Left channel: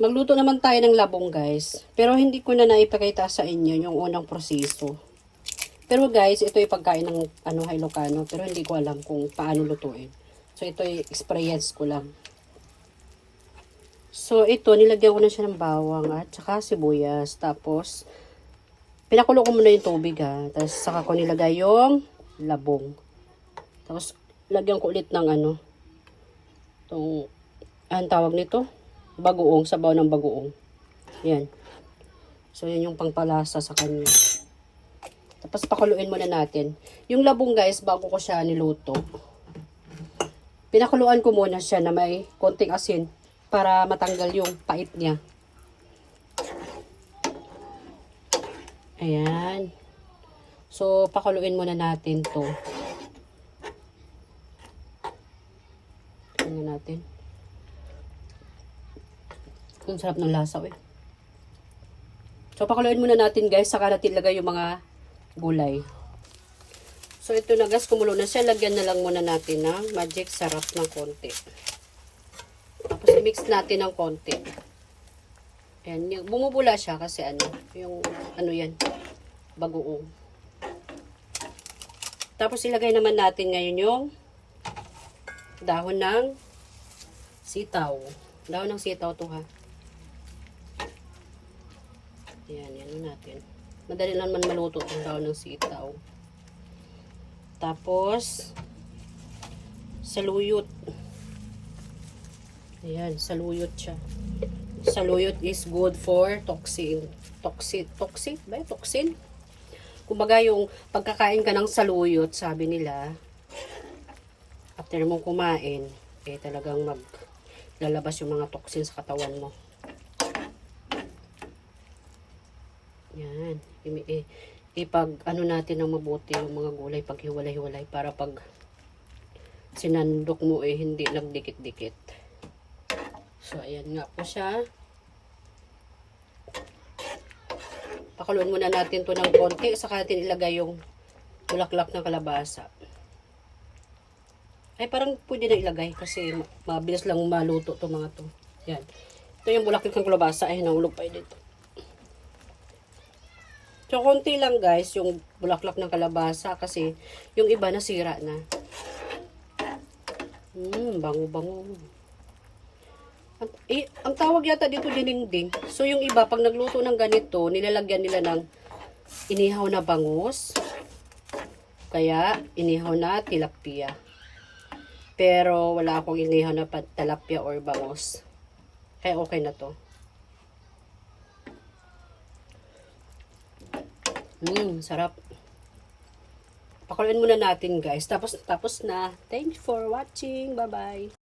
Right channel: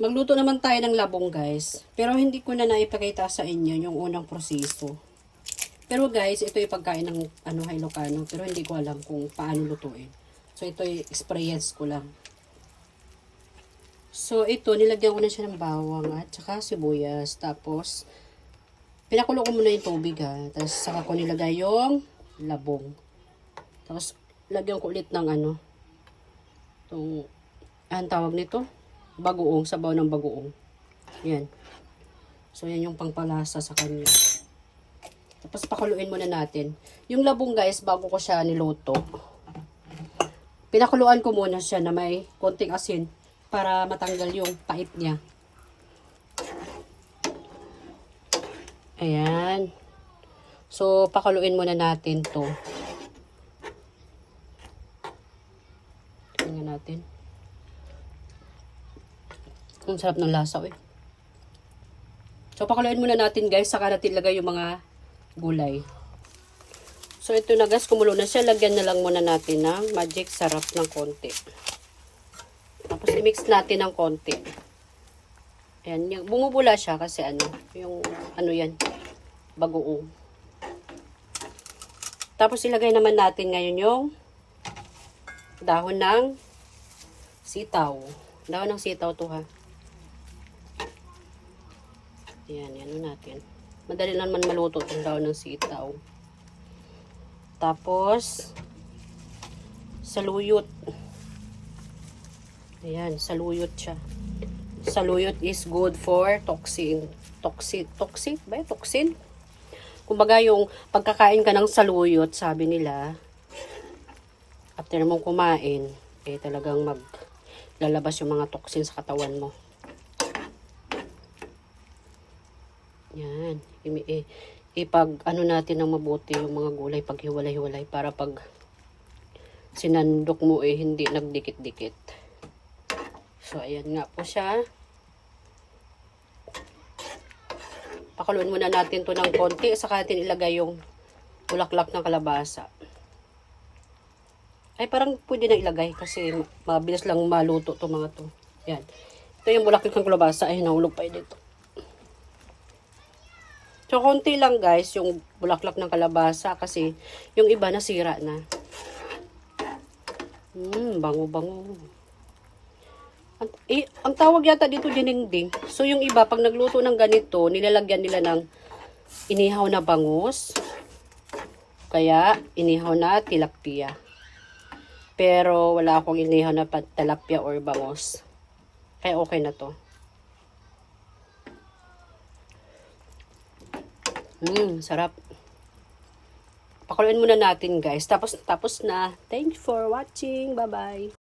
Magluto naman tayo ng labong guys. Pero hindi ko na naipakita sa inyo yung unang proseso. Pero guys, ito yung pagkain ng Ilocano. Pero hindi ko alam kung paano lutuin. So ito yung experience ko lang. So ito, nilagyan ko na siya ng bawang at saka sibuyas. Tapos, pinakulo ko muna yung tubig ha. Tapos saka ko nilagay yung labong. Tapos, lagyan ko ulit ng ang tawag nito? Bagoong, sabaw ng bagoong. Yan. So, yan yung pangpalasa sa kanya. Tapos, pakuluin muna natin. Yung labong guys, bago ko siya niluto, pinakuluan ko muna siya na may konting asin para matanggal yung pait niya. Ayan. So, pakuluin muna natin to. Tingnan natin. Ang sarap ng lasa eh. So, pakuluin muna natin guys. Saka natin ilagay yung mga gulay. So, ito na guys. Kumulo na siya. Lagyan na lang muna natin ng magic sarap ng konti. Tapos, i-mix natin ng konti. Ayan. Bumubula siya kasi yan. Bagoong. Tapos, ilagay naman natin ngayon yung dahon ng sitaw. Dahon ng sitaw to ha. Yan natin. Madali naman maluto itong dahon ng sitaw. Tapos, saluyot. Ayan, saluyot siya. Saluyot is good for toxin. Toxin ba? Toxin? Kumbaga yung pagkakain ka ng saluyot, sabi nila, after mong kumain, talagang maglalabas yung mga toxin sa katawan mo. Yan. Natin ng mabuti yung mga gulay pag hiwalay-hiwalay para pag sinandok mo hindi nagdikit-dikit. So, ayan nga po siya. Pakuluan muna natin to ng konti. Saka natin ilagay yung bulaklak ng kalabasa. Ay, parang pwede na ilagay kasi mabilis lang maluto to mga to. Yan. Ito yung bulaklak ng kalabasa. Ay, nahulog pa dito. So, konti lang guys, yung bulaklak ng kalabasa kasi yung iba nasira na. Bango-bango. Ang tawag yata dito dinengding. So, yung iba, pag nagluto ng ganito, nilalagyan nila ng inihaw na bangus. Kaya, inihaw na tilapia. Pero, wala akong inihaw na tilapia or bangus. Kaya, okay na to. Sarap. Pakuluin muna natin guys. Tapos na. Thank you for watching. Bye-bye.